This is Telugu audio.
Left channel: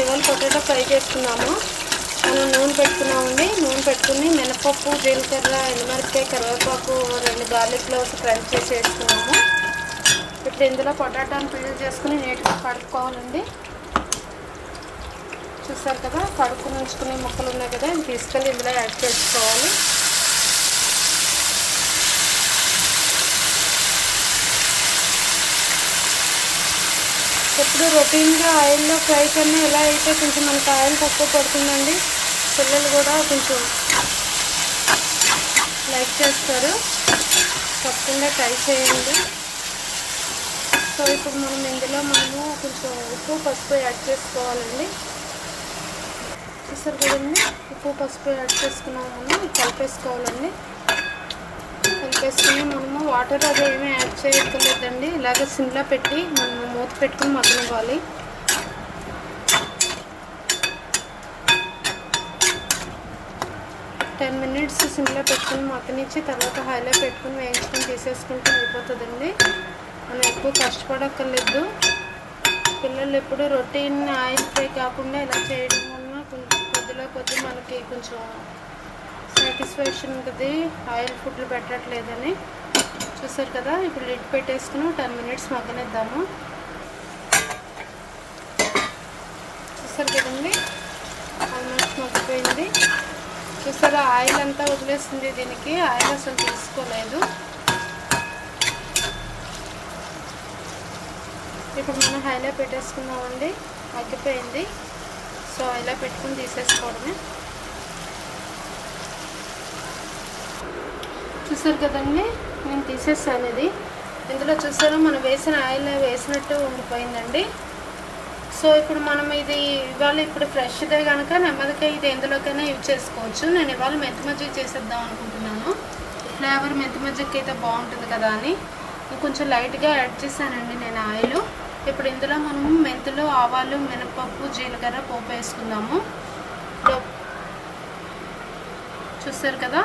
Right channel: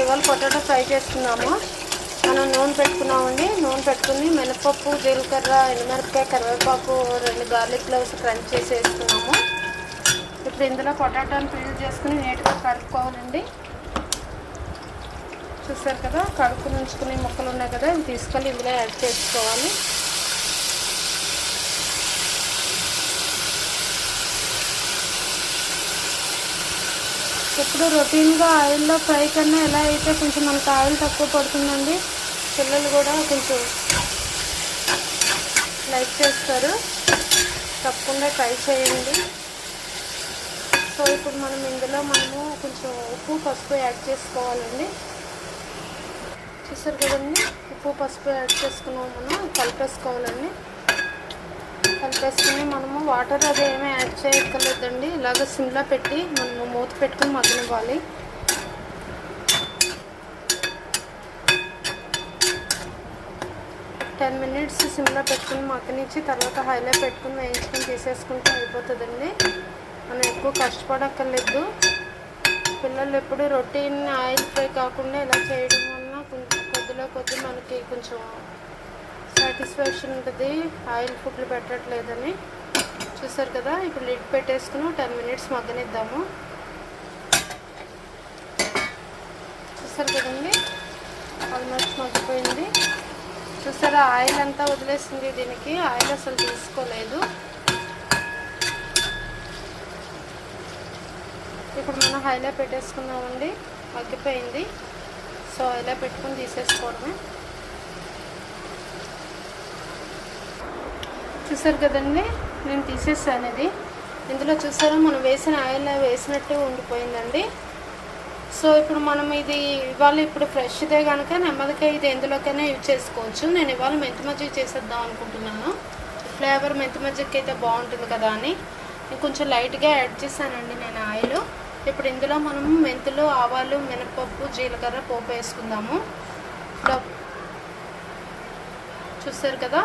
ఇవాళ పొటాటో ఫ్రై చేసుకున్నాము మనం నూనె పెట్టుకున్నామండి. నూనె పెట్టుకుని మినపప్పు జీలకర్ర ఎండుమిరపకాయ కరివేపాకు రెండు గార్లిక్ క్లోవ్స్ క్రంచ్ చేసి వేసుకున్నాము ఇప్పుడు ఇందులో పొటాటోని పీల్ చేసుకుని నీట్గా కడుక్కోవాలండి. చూసారు కదా? కడుక్కుని ఉంచుకునే ముక్కలు ఉన్నాయి కదా? తీసుకెళ్ళి ఇందులో యాడ్ చేసుకోవాలి. ఎప్పుడు రొటీన్గా ఆయిల్లో ఫ్రై కన్నా ఎలా అయితే కొంచెం మనకు ఆయిల్ తక్కువ పడుతుందండి పిల్లలు కూడా కొంచెం లైక్ చేస్తారు. తప్పకుండా ట్రై చేయండి. సో ఇప్పుడు మనం ఇందులో మనము కొంచెం ఉప్పు పసుపు యాడ్ చేసుకోవాలండి. చూస్తారు కదండి? ఉప్పు పసుపు యాడ్ చేసుకున్నాం మనం కలిపేసుకోవాలండి. కలిపేసుకుని మనము వాటర్ అది ఏమీ యాడ్ చేయక్కర్లేదండి. ఇలాగ సిమ్లో పెట్టి మనము మూత పెట్టుకుని మగ్గనివ్వాలి టెన్ మినిట్స్ సిమ్లో పెట్టుకుని మగ్గనిచ్చి తర్వాత హైలో పెట్టుకుని వేయించుకొని తీసేసుకుంటే అయిపోతుందండి. మనం ఎక్కువ కష్టపడక్కర్లేదు. పిల్లలు ఎప్పుడు రొటీన్ ఆయిల్ ఫ్రై కాకుండా ఇలా చేయడం వలన కొంచెం కొద్దిలో కొద్ది మనకి కొంచెం సాటిస్ఫాక్షన్ ఉంటుంది. ఆయిల్ ఫుడ్లు పెట్టట్లేదని. చూసారు కదా ఇప్పుడు లిడ్ పెట్టేసుకుని టెన్ మినిట్స్ మగ్గనిద్దాము. చూసారు కదండి ఆల్మోస్ట్ మగ్గిపోయింది. చూసారా ఆయిల్ అంతా వదిలేసింది దీనికి. ఆయిల్ అసలు తీసుకోలేదు. ఇప్పుడు మనం హైలో పెట్టేసుకున్నామండి. మగ్గిపోయింది. సో ఇలా పెట్టుకుని తీసేసుకోవడమే. చూసారు కదండి? నేను తీసేసాను ఇది. ఇందులో చూసారా? మనం వేసిన ఆయిల్ వేసినట్టు ఉండిపోయిందండి. సో ఇప్పుడు మనం ఇది ఇవాళ ఇప్పుడు ఫ్రెష్దే కనుక నెమ్మదిగా ఇది ఎందులోకైనా యూజ్ చేసుకోవచ్చు. నేను ఇవాళ మెంతి మజ్జిగ చేసేద్దాం అనుకుంటున్నాను. ఫ్లేవర్ మెంతి మజ్జిగకి అయితే బాగుంటుంది కదా అని. కొంచెం లైట్గా యాడ్ చేశానండి నేను ఆయిల్. ఇప్పుడు ఇందులో మనము మెంతులు ఆవాలు మినపప్పు జీలకర్ర పోపు వేసుకుందాము. ఇప్పుడు చూస్తారు కదా?